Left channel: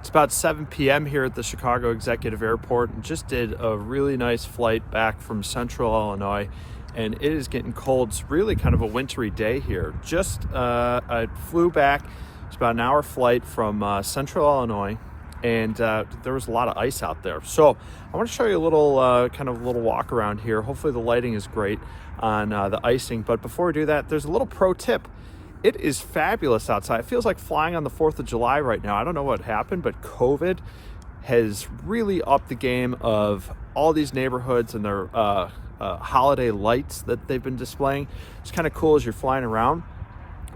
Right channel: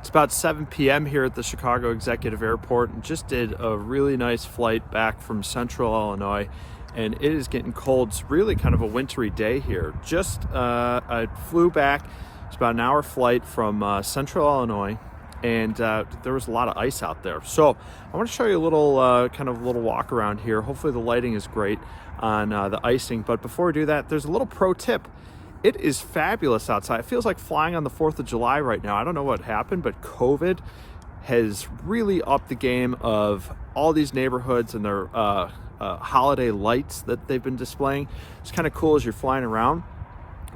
It's about 7 p.m. here at the Chicago Executive Airport, and just did a really nice flight back from Central Illinois, and it is getting cold. It's really kind of a wintry day here. I flew back. It's about an hour flight from Central Illinois, and there was a lot of ice out there. So I want to show you a little kind of a little walk around here. Hopefully the lighting is great on the icing, but before we do that, there's a little pro tip. It is fabulous outside. It feels like flying on the 4th of July right now. I don't know what happened, but COVID has really upped the game of all these neighborhoods and their holiday lights that they've been displaying. It's kind of cool as you're flying around.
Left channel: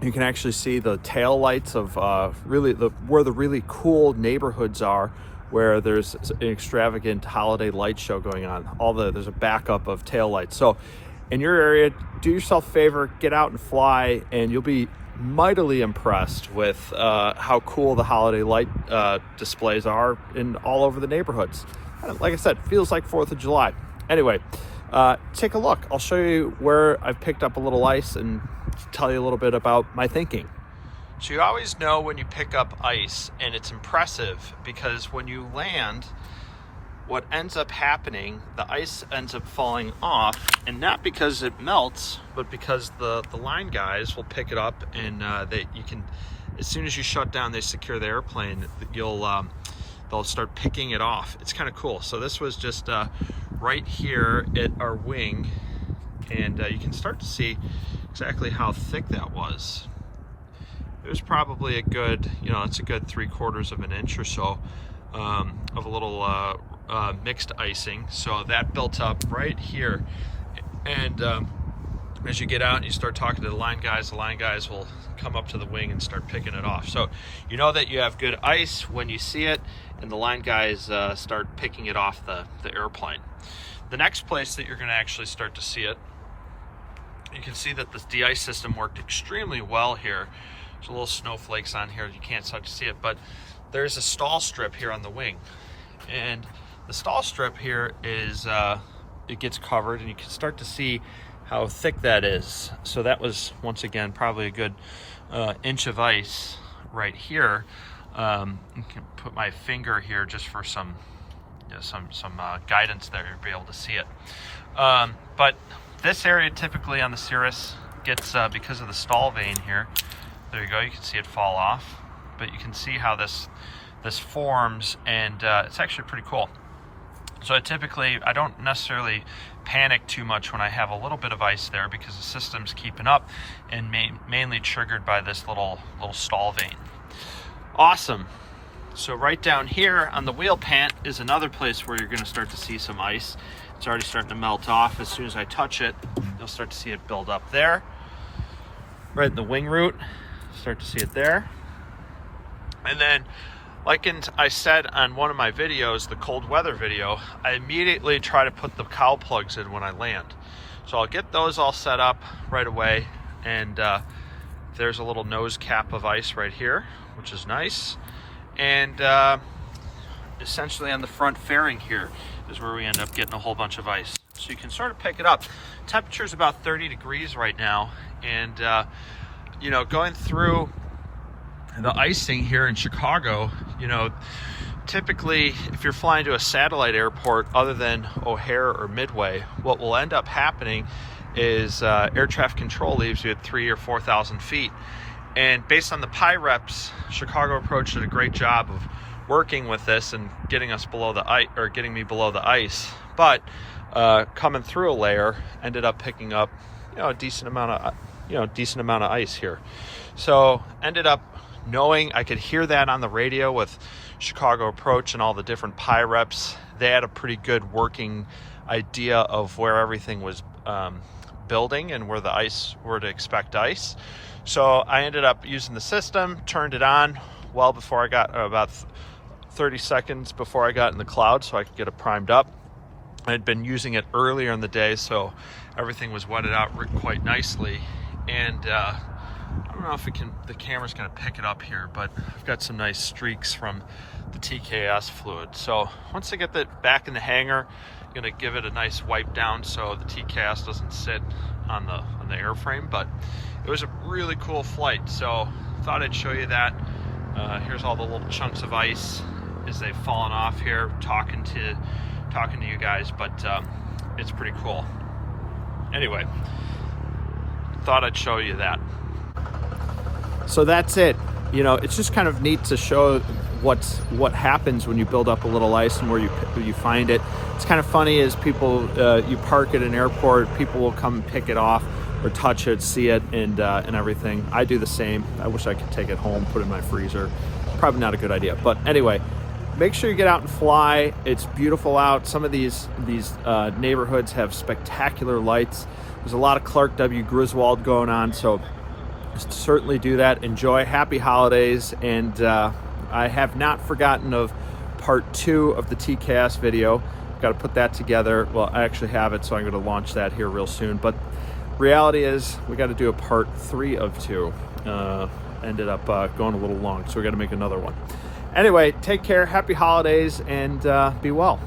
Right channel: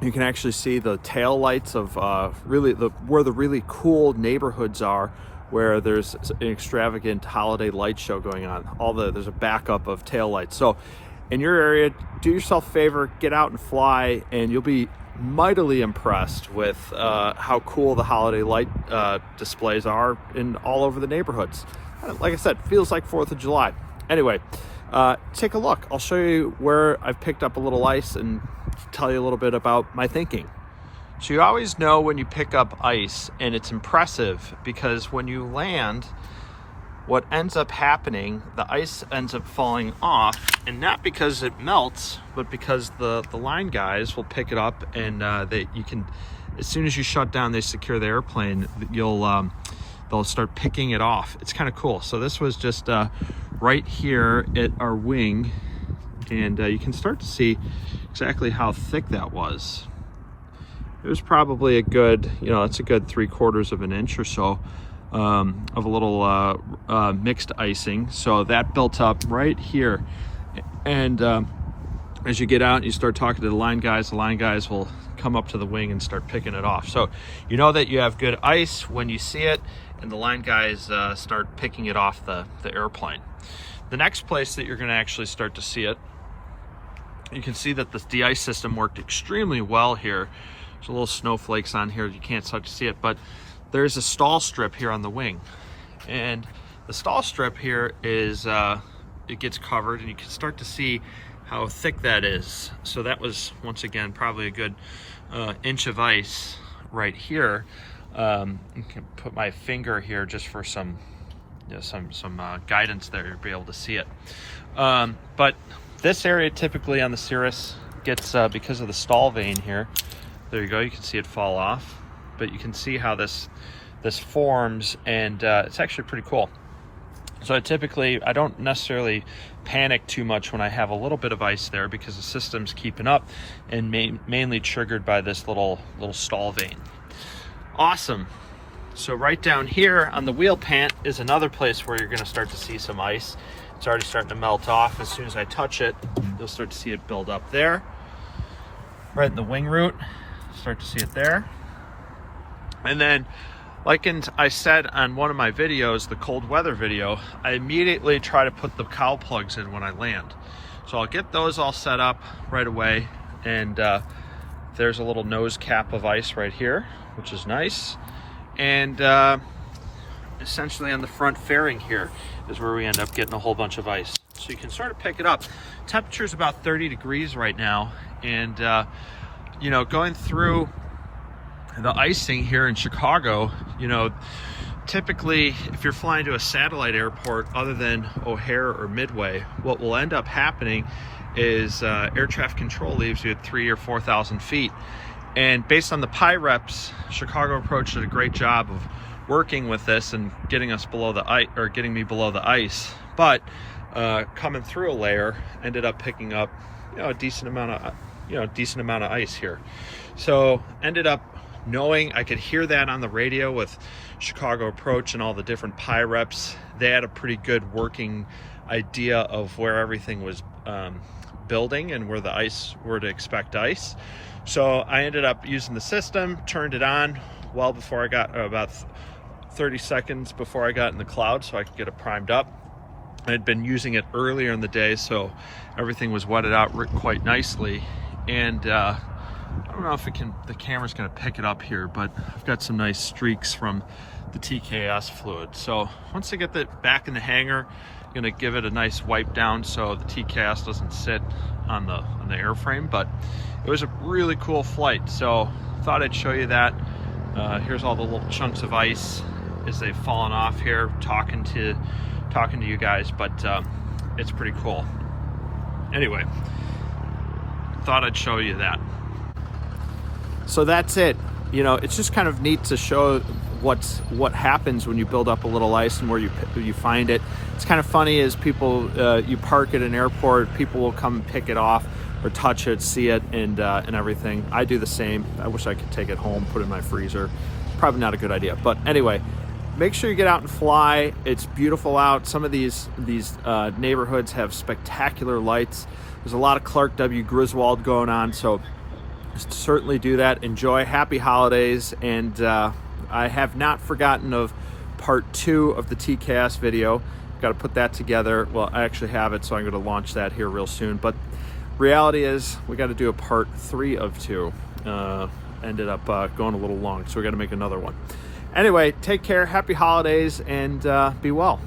You can actually see the tail lights of where the really cool neighborhoods are, where there's an extravagant holiday light show going on. There's a backup of tail lights. So in your area, do yourself a favor, get out and fly, and you'll be mightily impressed with how cool the holiday light displays are in all over the neighborhoods. And like I said, feels like 4th of July. Anyway, take a look. I'll show you where I've picked up a little ice and tell you a little bit about my thinking. So you always know when you pick up ice, and it's impressive because when you land, what ends up happening, the ice ends up falling off, and not because it melts, but because the line guys will pick it up, and as soon as you shut down, they secure the airplane, they'll start picking it off. It's kind of cool. So this was just right here at our wing, and you can start to see exactly how thick that was. It was probably a good, it's a good 3/4 of an inch or so of a little mixed icing. So that built up right here, and as you get out and you start talking to the line guys will come up to the wing and start picking it off. So you know that you have good ice when you see it, and the line guys start picking it off the airplane. The next place that you're going to actually start to see it, you can see that this de-ice system worked extremely well here. There's a little snowflakes on here, you can't start to see it, but there's a stall strip here on the wing, and the stall strip here is it gets covered, and you can start to see how thick that is. So that was, once again, probably a good inch of ice right here. I can put my finger here just for some guidance there to be able to see it. But this area typically on the Cirrus gets, because of the stall vane here, there you go, you can see it fall off, but you can see how this forms, and it's actually pretty cool. So I don't necessarily panic too much when I have a little bit of ice there, because the system's keeping up, and mainly triggered by this little stall vane. Awesome. So right down here on the wheel pant is another place where you're going to start to see some ice. It's already starting to melt off. As soon as I touch it, you'll start to see it build up there. Right in the wing root, start to see it there. And then, like I said on one of my videos, the cold weather video, I immediately try to put the cowl plugs in when I land. So I'll get those all set up right away, and there's a little nose cap of ice right here, which is nice. And essentially on the front fairing here is where we end up getting a whole bunch of ice. So you can sort of pick it up. Temperature's about 30 degrees right now, and going through the icing here in Chicago, typically if you're flying to a satellite airport other than O'Hare or Midway, what will end up happening is air traffic control leaves you at 3,000 or 4,000 feet. And based on the PIREPs, Chicago Approach did a great job of working with this and getting us below the ice, or getting me below the ice. But coming through a layer, ended up picking up a decent amount of ice here. So ended up knowing, I could hear that on the radio with Chicago Approach and all the different PIREPs. They had a pretty good working idea of where everything was building and where to expect ice. So I ended up using the system, turned it on well before I got, about 30 seconds before I got in the cloud, so I could get it primed up. I had been using it earlier in the day, so everything was wetted out quite nicely. And I don't know if the camera's gonna pick it up here, but I've got some nice streaks from the TKS fluid. So once I get that back in the hangar, I'm gonna give it a nice wipe down so the TKS doesn't sit on the airframe. But it was a really cool flight, so thought I'd show you that. Here's all the little chunks of ice as they've fallen off here, talking to you guys, but it's pretty cool. Anyway, thought I'd show you that. So that's it. You know, it's just kind of neat to show what happens when you build up a little ice and where you find it. It's kind of funny as people, you park at an airport, people will come and pick it off or touch it, see it, and everything. I do the same. I wish I could take it home, put it in my freezer. Probably not a good idea, but anyway, make sure you get out and fly. It's beautiful out. Some of these neighborhoods have spectacular lights. There's a lot of Clark W. Griswold going on, so certainly do that. Enjoy. Happy holidays. And I have not forgotten of part 2 of the TKS video. Got to put that together. Well, I actually have it, so I'm going to launch that here real soon. But reality is we got to do a part 3 of 2. Ended up going a little long, so we got to make another one. Anyway, take care. Happy holidays, and be well.